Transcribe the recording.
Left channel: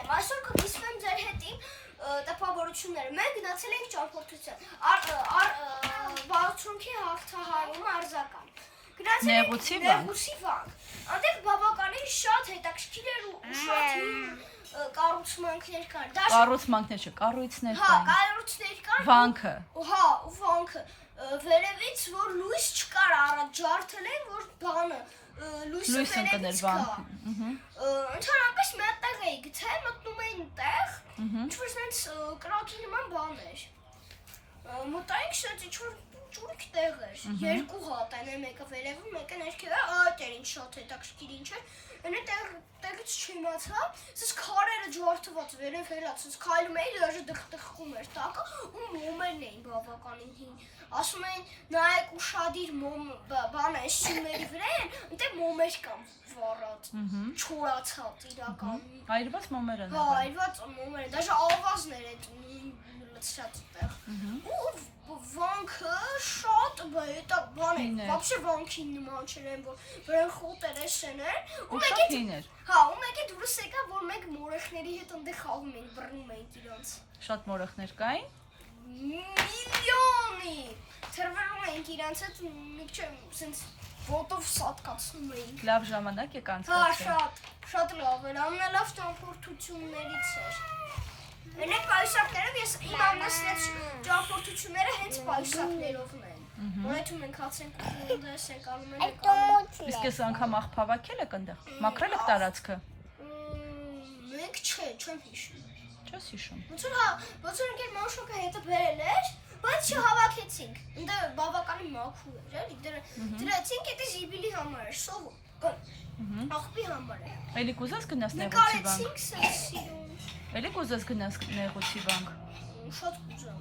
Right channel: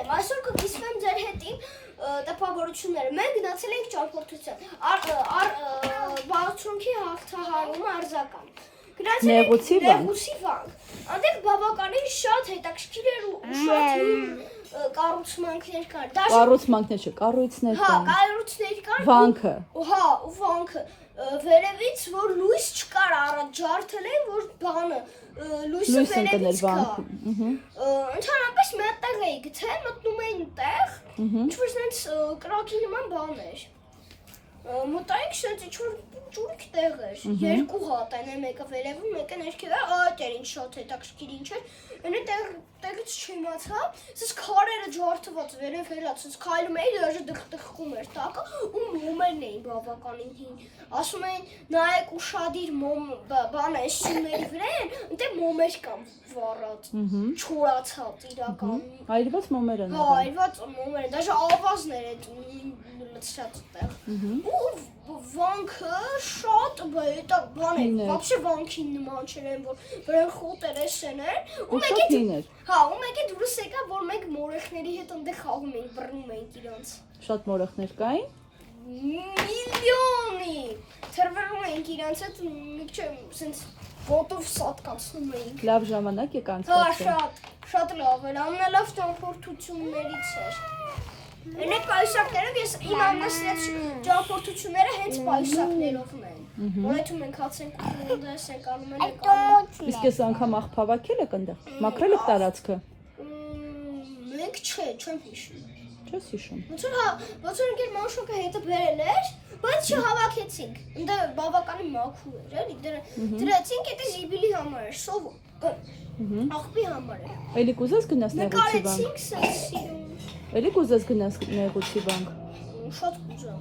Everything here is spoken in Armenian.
եմ, այսօր կգիսվեմ ձեր հետին տպավորությունները, մենք գնացել ենք ճամփորդության, բարձունքի հաղթահարումը արձական, Նեղուցի վանք, այնտեղ բավականին շատ հետաքրքիր էր ու շատ հին կառուցմանքներ կար, Կառուցմանքներ չէ, կառույցներ հա, կային, կառույցներ կար, վանքը, հա, ու վանքը, վերևից, որ լույս չկար առաջ ջարդել են, որ բանը, լույսը վերևից կա, ընդհանրապես մի հատ տեղ էի գտել, մտնում էին տեղ, ինչ-որ սենց կրակի նման բան էր, մտայինք սենց ինչ-որ ճուրիկ տեղ էր, երկու հատ են, մեկը վերևում, մեկը ներքև էր, այդ էր ինչ շատ հետաքրքիր ինչ էր, այնը տեղից չիմացա, սենց քարերը ջարդված վերև հելած, սենց քայլում էի, դաժե դխտխում էր տակը, ու մոմերն էին բավականին հին, ասում էին նայեք ուշադիր բան է սյուների վրա են, այնտեղ մոմեր կան վառած, չորացած իրական, այրված մոմեր են, հա, այրված մոմեր են, դաժե ավազներ այդ լցրած տեղ, ու վանքը շատ բան էր, վաբշե վանքին նման չեն, որ վրան խոտեր էսեն էր, ու մեկի դուրս եկա, որ մենք մորեխների հետ ընդեղ խաղում էինք, բռնում էինք իրանց։ Շատ մորեխներ կային։ Միլիոնի, թրվռում էինք իրանց հետ, միք չէ, սենց ոտով սատկացնում էինք։ Լավ ժամանակ եք Հա, անցկացրել։ շատ լավ էր, ամենալավ ճամփորդություններից էր։ Այնեք պայուսակներով ես իմ ամենասիրած ճամփորդությունները հենց պայուսակներովն են։ Որեթում ենք հացենք ունդես ենք անում ենք անում։ Իսկ ես անգամ աղբավակել եք ընդեղ, մաքրել եք տարածքը։ Մենք չեմ հիշում։ Չես հիշում։ Ոնց որ ընկեր մանշոկը հետը բերել էր, բայց չհավաքեցինք։ Ընդ բավականին մաքուր էր, էլի դրեցինք, դա զիբիլի համար էր, սով աղբի համար էր։ Էլի կուզես գնաս նեղուցի բանկ։ Նկարեցինք սիրում։ Էլի կուզես գնաս նեղուցի բանկ։ Շատ կուզեմ։